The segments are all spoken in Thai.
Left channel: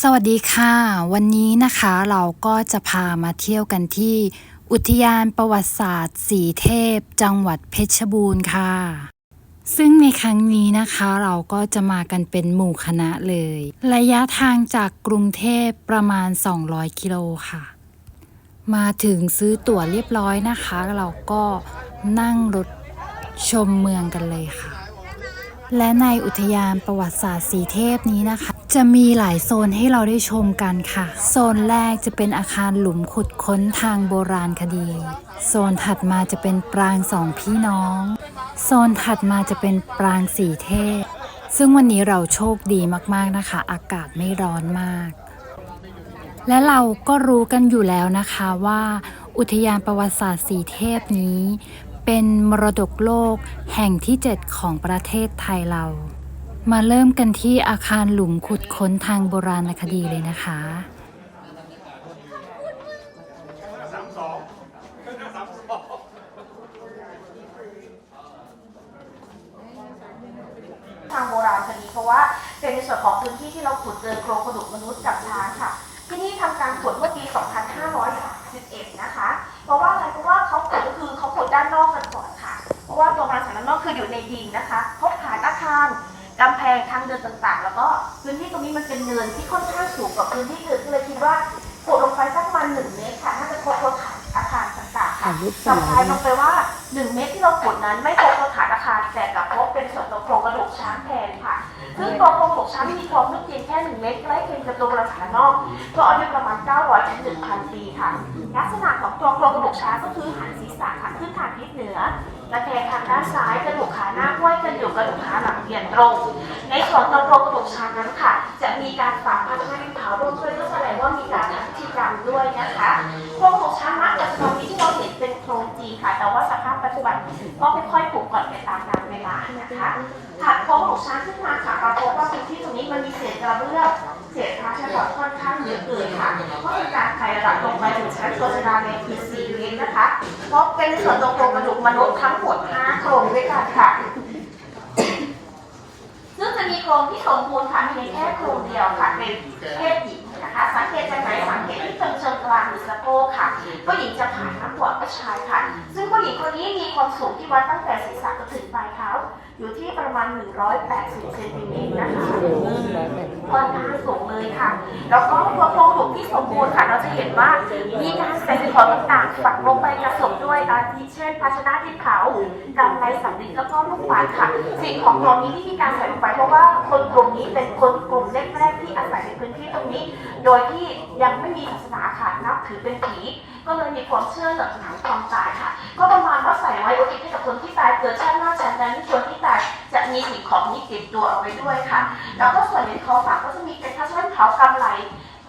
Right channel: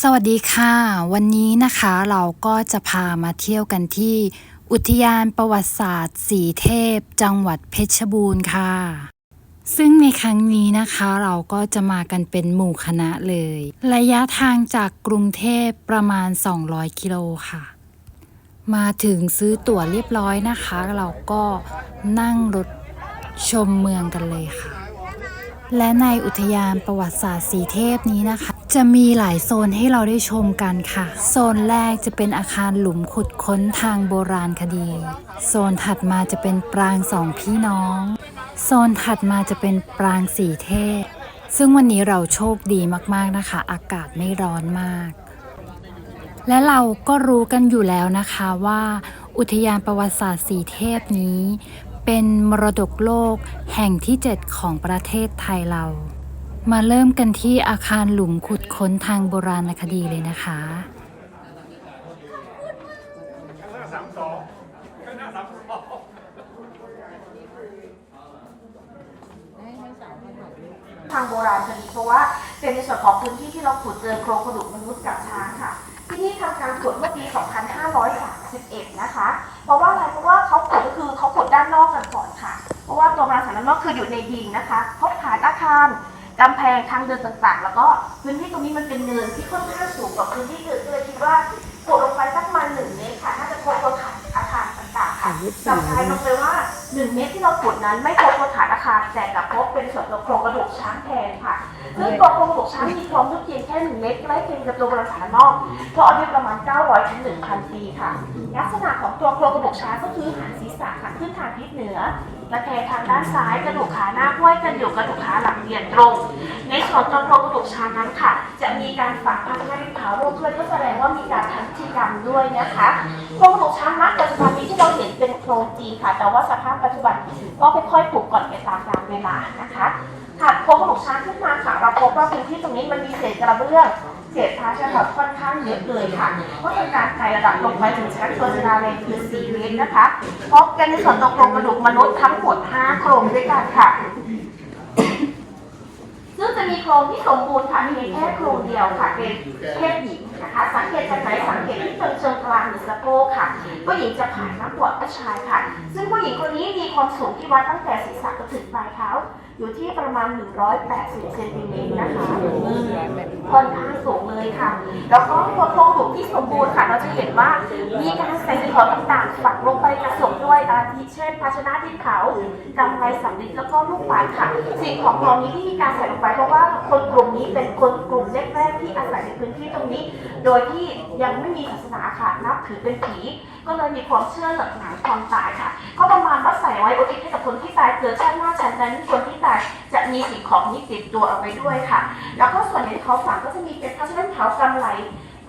สวัสดีค่ะ วันนี้นะคะเราก็จะพามาเที่ยวกันที่ อุทยานประวัติศาสตร์สีเทพ จังหวัดเพชรบูรณ์ค่ะ ซึ่งในครั้งนี้นะคะเราก็จะมากันเป็นหมู่คณะเลย ระยะทางจากกรุงเทพประมาณ 200 กิโลค่ะ มาถึงซื้อตั๋วเรียบร้อยนะคะ เราก็นั่งรถชมเมืองกันเลยค่ะ และในอุทยานประวัติศาสตร์สีเทพนี้นะคะ จะมีหลายโซนให้เราได้ชมกันค่ะ โซนแรกจะเป็นอาคารหลุมขุดค้นทางโบราณคดี โซนถัดมาจะเป็นปรางสองพี่น้อง โซนถัดมาจะเป็นปรางสีเทพ ซึ่งวันนี้เราโชคดีมากๆนะคะ อากาศไม่ร้อนมาก และเราก็รู้กันอยู่แล้วนะคะว่า อุทยานประวัติศาสตร์สีเทพนี้ เป็นมรดกโลกแห่งที่ 7 ของประเทศไทยเรา มาเริ่มกันที่อาคารหลุมขุดค้นทางโบราณคดีเลยนะคะ ทางโบราณคดีเพราะว่าเป็นในส่วนของพื้นที่ที่เราขุดเจอโครงกระดูกมนุษย์กับช้างค่ะ ที่นี่ทำการขุดเมื่อปี 2531 นะคะ เพราะว่าอะไรเพราะว่าเขาขุดก็คือเขาขุดด้านนอกกันก่อนค่ะ เพราะว่าตัวบางสันด้นนอกคืออยู่ในดินนะคะพบฐานอาคาร กำแพงทางเดินต่างๆ แล้วก็พื้นที่ตรงนี้มันเป็นเนินที่ค่อนข้างสูงกว่าพื้นที่อื่นก็เลยคิดว่าขุดลงไปสักประมาณหนึ่งเมตรค่ะน่าจะพบตัวฐานอาคารต่างๆค่ะสำคัญลงไปว่า1เมตรที่เราขุดนั้น ไม่พบตัวฐานอาคารแต่กลับพบเป็นส่วนของโครงกระดูกช้างแทนค่ะซึ่งตัวโครงกระดูกช้างมีความลึกเพียงแค่1เมตรใกล้เคียงกับตัวโบราณฐานนอกเพราะอายุประมาณ 900ถึง1,000 ปีค่ะ ลักษณะของตัวโครงกระดูกช้างก็คือหันศีรษะหันขึ้นทางทิศเหนือ และแทงทางด้านซ้ายกระดูกขาหน้าห้วยกันอยู่กระดูกขาหลังเรียนตรง ในส่วนตัวโครงกระดูกช้างนั้นค่ะ จะมีการฝังพระธาตุขาร่วมด้วยก็แสดงว่ามีการทำพิธีกรรมด้วยนะคะโครงกระดูกช้างณปัจจุบันนี้ที่เราเห็นเป็นโครงจีค่ะ แต่ว่าสภาพปัจจุบันก็ค่อยๆถูกก่อนไปตามกาลเวลานะคะถัดโครงกระดูกช้างขึ้นมาค่ะเราพบว่าพื้นที่ตรงนี้มันมีเศษกระเบื้อง เศษพระฉบับค่อนข้างเยอะเลยค่ะก็เป็นการไต่ระดับลงไปถึงชั้นโซนดาในพื้น4เมตรนะคะพบกันในส่วนตรงกระดูกมนุษย์ทั้งหมด5โครงด้วยกันค่ะซึ่งจะมีโครงที่สมบูรณ์ค่ะมีแค่โครงเดียวค่ะเป็นเพศหญิงนะคะสังเกตจากไหนสังเกตที่เชิงเชิงกลางหรือสะโพกค่ะผู้หญิงจะผ่านมากกว่าผู้ชายค่ะ ซึ่งผู้หญิงคนนี้มีความสูงที่วัดตั้งแต่ศีรษะจนถึงปลายเท้า อยู่ที่ประมาณ 180 เซนติเมตรนะคะค่อนข้างสูงเลยค่ะ แล้วก็ตัวโครงกระดูกที่สมบูรณ์ค่ะ เราจะเห็นว่ามีการใส่สิ่งของต่างๆฝังลงไปกระสมด้วยอาทิเช่น ภาชนะดินเขากำไรสำลิดแล้วก็ลูกปัดค่ะ สิ่งของเหล่านี้ที่มีการใส่ลงไปเพราะว่าคนกลุ่มนี้เป็นคนกลุ่มแรกๆที่อาศัยในพื้นที่ตรงนี้ โดยที่ยังไม่มีศาสนาค่ะนับถือเป็นผี ก็เลยมีความเชื่อหลักหนความตายค่ะ ก็ประมาณว่าใส่ไว้อุทิศให้กับคนที่ตายเกิดชาติหน้าชาตินั้นคนที่ตายจะมีสิ่งของนี้ติดตัวเอาไว้ด้วยค่ะ แล้วก็ส่วนในเขาฝังก็จะมีเป็นพระชนะเขากำไร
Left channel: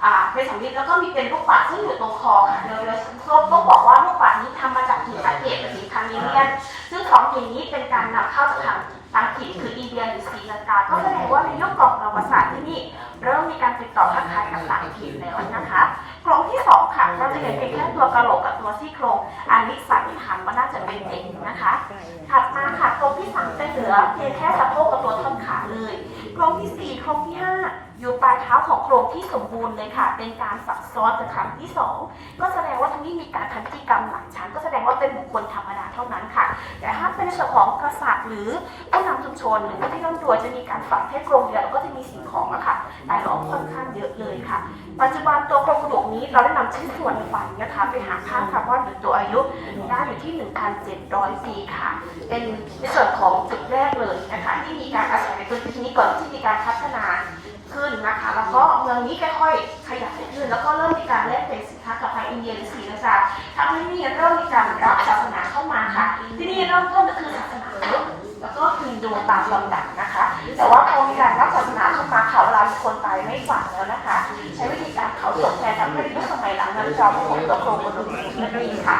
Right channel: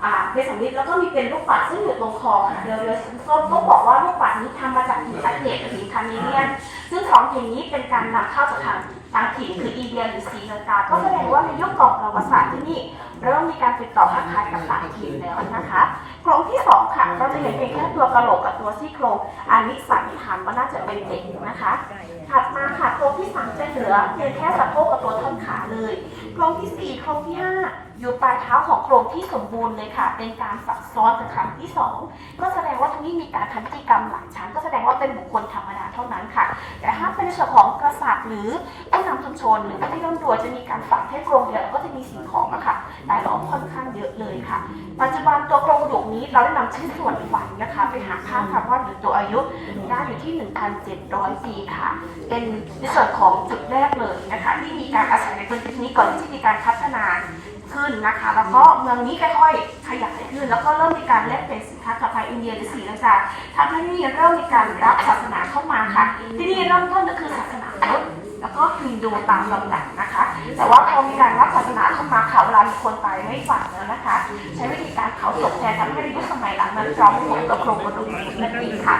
อ่าเป็นสำลิดแล้วก็มีเป็นลูกปัดซึ่งอยู่ตรงคอค่ะเดี๋ยวเดี๋ยวเขาต้องบอกว่าลูกปัดนี้ทำมาจากหินอัดเทปหินคานิเลียนซึ่งของหินนี้เป็นการนำเข้าจากทางทางถิ่นคืออินเดียหรือศรีลังกา ก็แสดงว่าในยุคก่อนประวัติศาสตร์ที่นี่ เริ่มมีการติดต่อค้าขายกับต่างถิ่นแล้วนะคะโครงที่สองค่ะ เราจะเห็นเพียงแค่ตัวกระโหลกกับตัวซี่โครงอันนี้สันนิษฐานว่าน่าจะเป็นเด็กนะคะ ถัดมาค่ะโครงที่สามจะเหลือเพียงแค่สะโพกกับตัวท่อนขาเลยโครงที่สี่โครงที่ห้า อยู่ปลายเท้าของโครงที่สมบูรณ์เลยค่ะ เป็นการซับซ้อนจากครั้งที่สองก็แสดงว่าทั้งนี้มีการทำพิกรรมหลายชั้น ก็แสดงว่าเป็นบุคคลธรรมดาเท่านั้นค่ะ แต่ถ้าเป็นส่วนของกษัตริย์หรือผู้นำชุมชนหรือผู้ที่ร่ำรวยจะมีการฝังแค่โครงเดียวแล้วก็จะมีสิ่งของอะค่ะแต่ล้อมค่อนข้างเยอะเลยค่ะ ปัจจุบันตัวโครงกระดูกนี้เราได้นำชิ้นส่วนฟันนะคะ ไปหาค่าคาร์บอนหรือตัวอายุได้อยู่ที่ 1,700 ปีค่ะ เป็นในส่วนของจุดแรกเลยนะคะที่มีการอาศัยในพื้นที่นี้ก่อนที่มีการพัฒนา ขึ้นนะคะ แล้วก็เมืองนี้ค่อยๆขยายขึ้น แล้วก็เริ่มมีการแลกเปลี่ยนสินค้ากับทางอินเดียหรือศรีลังกาทำให้นี่เริ่มมีการรับศาสนาเข้ามาค่ะ ที่นี่เริ่มต้นก็คือศาสนาพุทธแล้วก็ฮินดูตามลำดับนะคะ แต่ว่าพอมีการรับศาสนาเข้ามาเขาเราคนไปไม่ฝังแล้วนะคะ ใช้วิธีการเผาศพแทนทำให้ยุคสมัยหลังนั้นเราไม่ยังตกลงกระดูกไม่มีค่ะ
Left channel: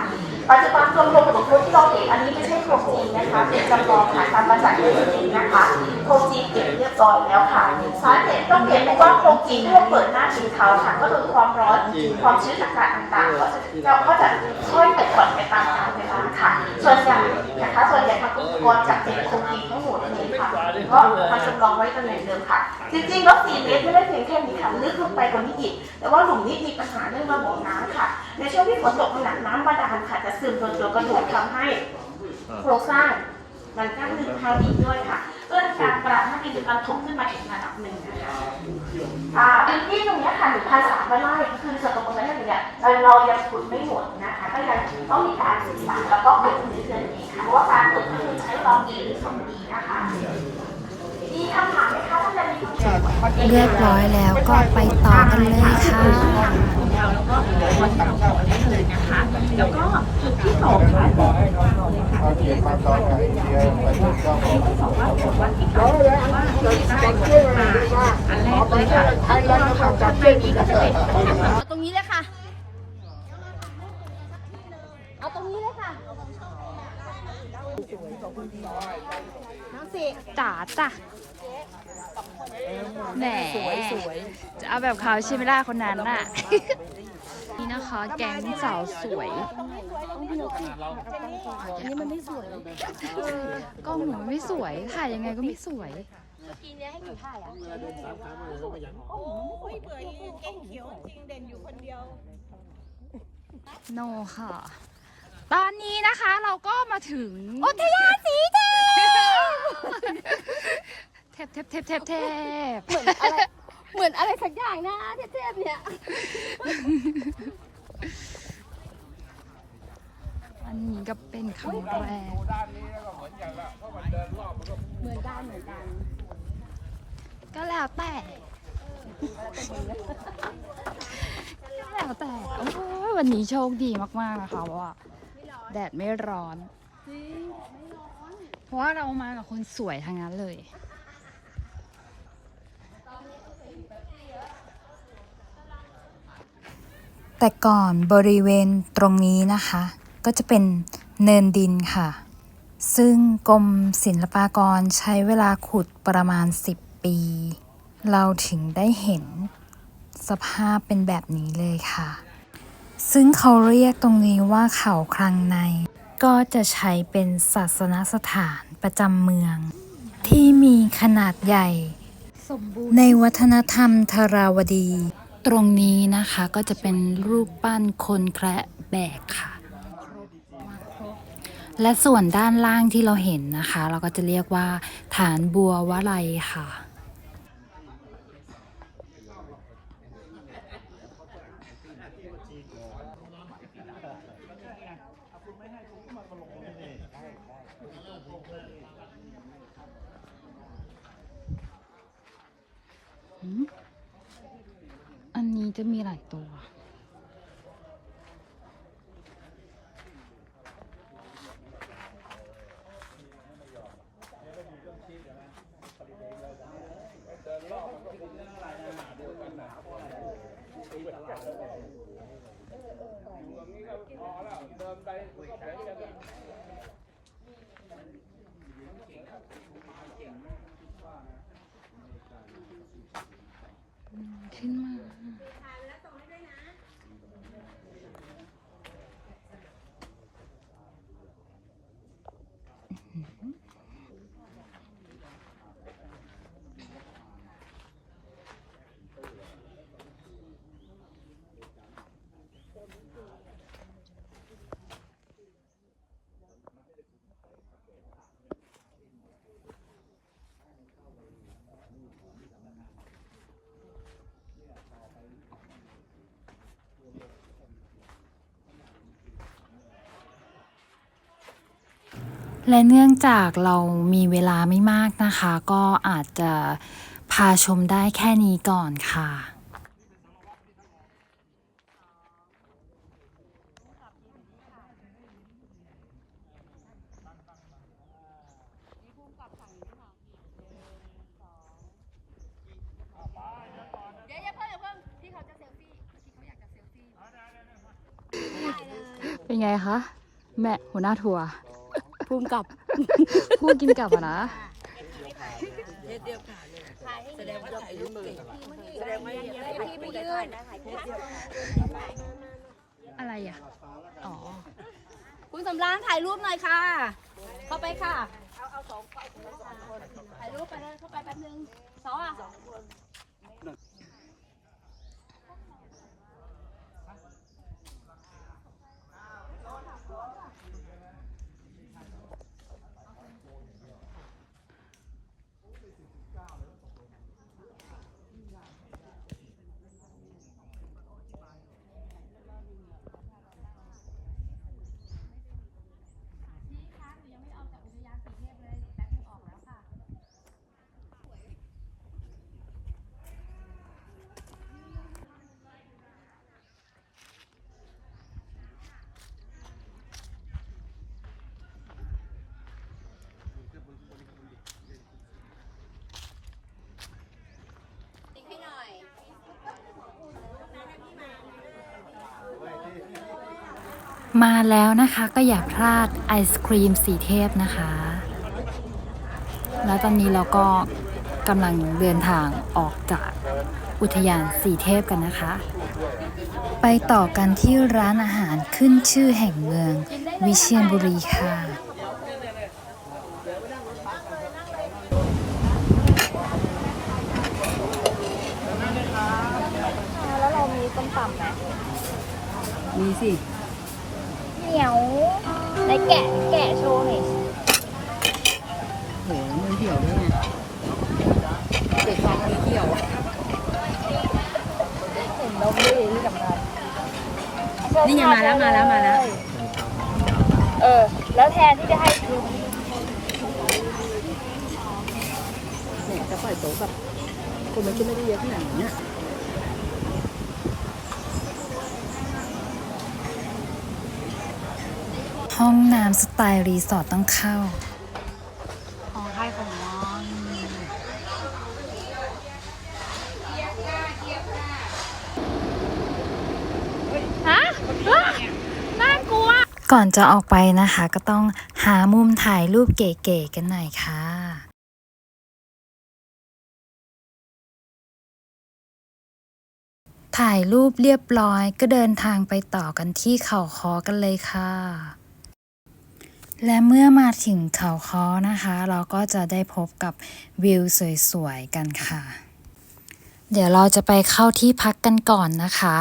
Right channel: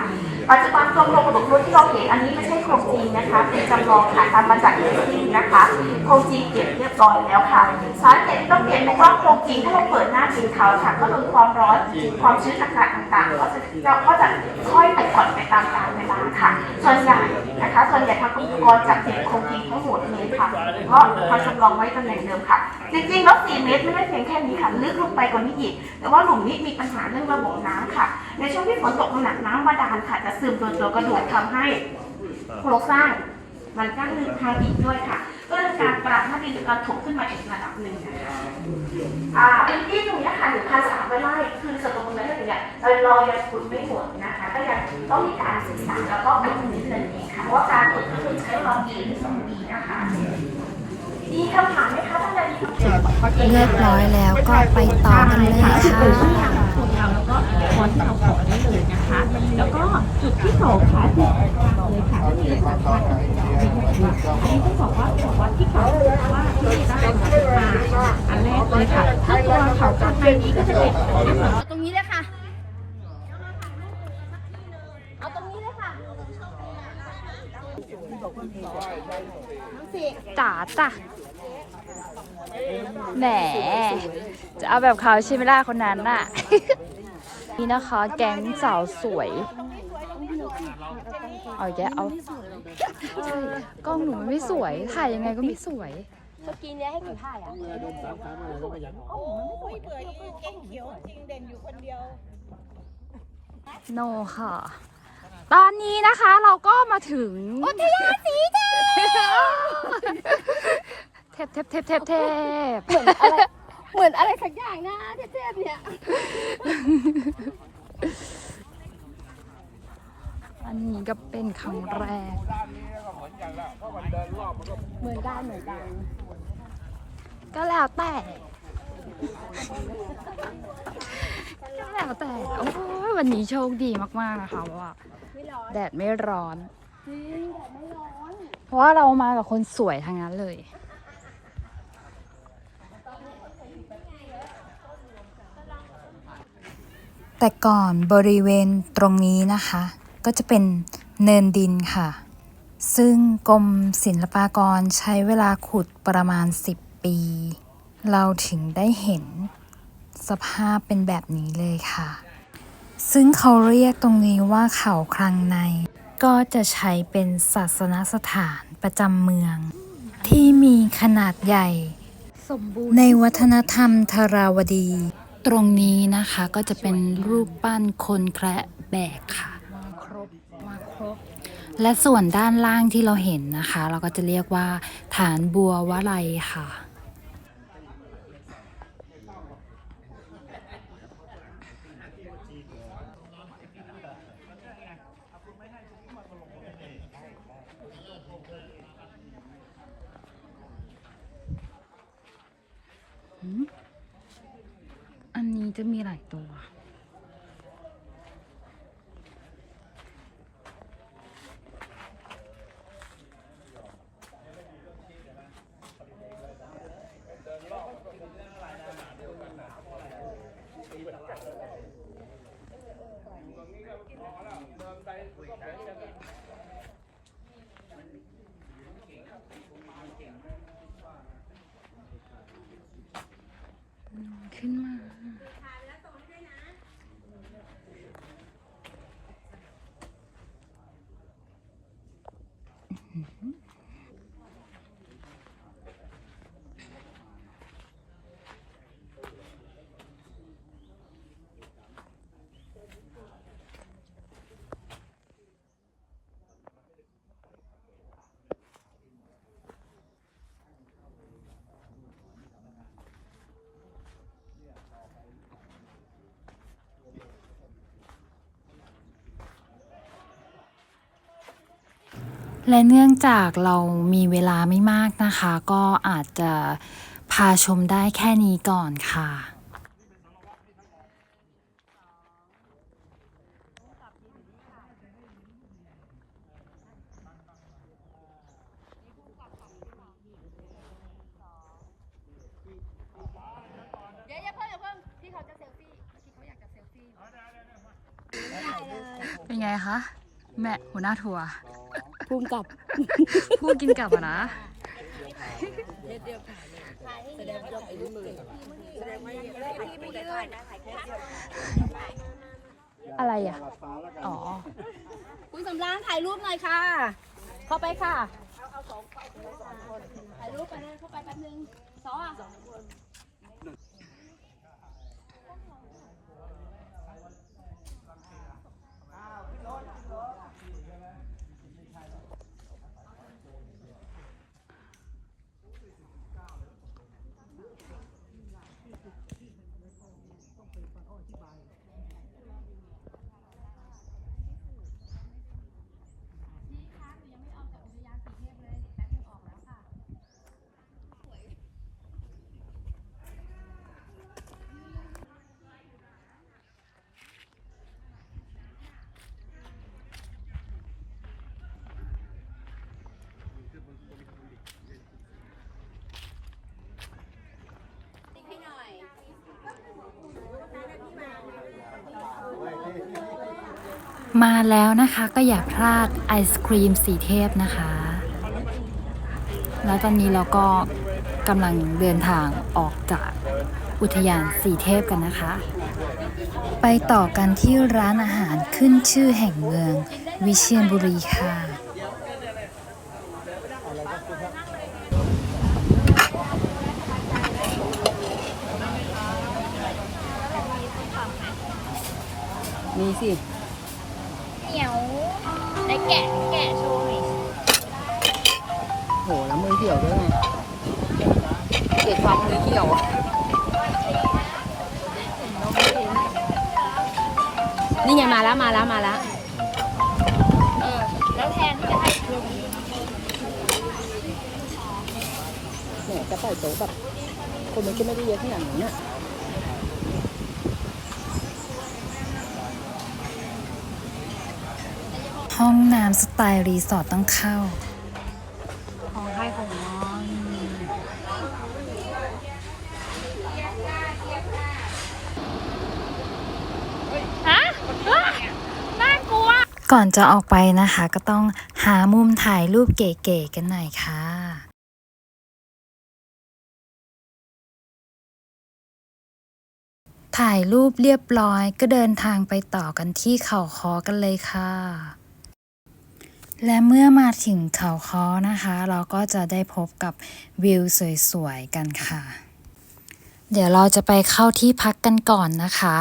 ปัจจุบันโครงกระดูกที่เราเห็นอันนี้ไม่ใช่ โคงจีนะคะเป็นจำลองค่ะทำมาจากญี่ปุ่นนะคะโคงจีเก็บเรียบร้อยแล้วค่ะสาเหตุต้องเก็บเพราะว่าโคงจีถ้าเราเปิดหน้าจีนเขาค่ะก็โดนความร้อนความชื้นอากาศต่างๆก็จะเราก็จะค่อยติดถอดไปตามกาลเวลาค่ะ ส่วนใหญ่นะคะ ส่วนใหญ่ทางอุปกรณ์จากติดโคงจีทั้งหมดเลยค่ะก็มาจำลองไว้ตำแหน่งเดิมค่ะ จริงๆแล้ว4เมตรไม่ได้เพียงแค่นี้ค่ะลึกลงไปกว่านี้อีกแต่ว่าหลุมนี้มีปัญหาเรื่องระบบน้ำค่ะในช่วงที่ฝนตกหนักน้ำบาดาลค่ะจะซึมตัวตัวกระดูกทำให้ โครงสร้าง มันก็มีทางอีกด้วยค่ะเพื่อการปรับให้มีการถกขึ้นมาอีกระดับหนึ่งนะคะอ่าพื้นที่ตรงเนี้ยค่ะหรือภาษาบ้านไร่คือสตรงนั้นเนี่ยเรายังขุดไม่หมดนะคะก็ยังต้องมีการศึกษาแล้วก็เป็นนิดนึงค่ะเพราะว่าการขุดก็คือใช้ลองปีหรือสองปีนะคะมีคำถามไหมคะท่านใดมีคำถามเรียบร้อยแล้วก็ไปต่อกันเลยค่ะแล้วก็จุดที่สองค่ะที่สองว่าวันที่เขาว่าที่ได้มาอันแรกเลยค่ะถ้าเราเผาจากเทนี้ก็จะ เป็นเอาตรงนี้เลยค่ะ เอาตรงนี้เลยค่ะทั้งสี่จ๋าจ้ะแหมจะเอาแบบเขาใช่ไหมล่ะคนนั้นน่ะ นี่นะคะ แก๊งสาวสวยเอาแกเอาใช่กล้องหนูมันไม่สวย ถ่ายยังไงก็ไม่สวย ทีเนี้ยให้หนูถ่ายอะโนค่ะ ตอนนี้นะคะเราก็มาถึงอุทยานสีเทพเทพเทพเทพเทพเทพเหมือนอะไรสักอย่างนะเทพๆเนี่ยอันนี้ก็เป็นครั้งแรก เหมือนกันเหมือนกัน ก็แล้วแต่ ก็แล้วแต่ โอ้ยวันนี้โชคดีมาก ๆ นะคะเพราะว่าแดดไม่ร้อน เพราะว่าเรามากับคนสวยทั้งนั้นเลย แต่ก่อนบริเวณตรงนี้นะคะ ก็จะเป็นเนินดินค่ะซึ่งกรมศิลปากรใช้เวลาขุดประมาณ 10 ปี เราถึงได้เห็นสภาพเป็นแบบนี้เลยค่ะ ซึ่งเขาเรียกตรงนี้ว่าเขาคลังใน ก็จะใช้เป็นศาสนสถานประจำเมือง ที่มีขนาดใหญ่ ในวัฒนธรรมธาราวดี ตรงนี้นะคะก็จะเป็นรูปปั้นคนแคระแบกค่ะ และส่วนด้านล่างที่เราเห็นนะคะ เราก็จะเรียกว่าฐานบัววะไลค่ะ อันนี้จะมีหลายตัว และเนื่องจากเรามีเวลาไม่มากนะคะ ก็อาจจะพาชมได้แค่นี้ก่อนค่ะเดี๋ยวอย่าเพิ่งอย่าเพิ่งพี่เขาจะเซลฟี่พี่เขาอยากจะเซลฟี่ได้เลยเป็นไงคะแม่หัวหน้าทัวร์ภูภูมิกับผู้กินกลับอะนะอะไรอะ อ๋อ คุณสำรานถ่ายรูปหน่อยค่ะ เข้าไปค่ะถ่ายรูปไปเลยเข้าไปแป๊บนึงสองสอง มาแล้วนะคะก็อย่าพลาดไอศครีมสีเทพนะคะ แล้วตอนนี้เราก็กำลังเดินทางออกจากอุทยานสีเทพกันนะคะ ไปต่อกันที่ร้านอาหารขึ้นชื่อแห่งเมือง วิเชียรบุรีค่ะ มีสิ นี่ไงมาแล้วมาแล้วมาแล้ว เออ แล้วแทนที่จะให้ดูเนี่ยจะปล่อยโต๊ะกับคนมันก็ไม่ได้เยอะขนาดนี้อะห้องน้ำสไตล์รีสอร์ทต้องเข้า ของใครของมัน ฮะน่ากลัว ก่อนจะออกไปนะคะ ก็ต้องหามุมถ่ายรูปเก๋ๆกันหน่อยค่ะถ่ายรูปเรียบร้อยก็เดินทางไปต่อกันที่เขาคอกันเลยค่ะ และเมื่อมาถึงเขาคอนะคะ เราก็จะได้พบกับวิวสวยๆกันค่ะ เดี๋ยวเราจะไปเข้าที่พักกันก่อนนะคะ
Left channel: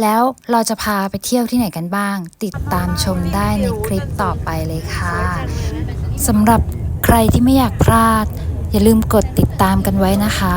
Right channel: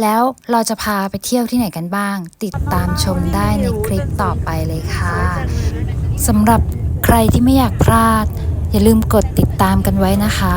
แล้วเราจะพาไปเที่ยวที่ไหนกันบ้าง ติดตามชมได้ในคลิปต่อไปเลยค่ะสำหรับใครที่ไม่อยากพลาด อย่าลืมกดติดตามกันไว้นะคะ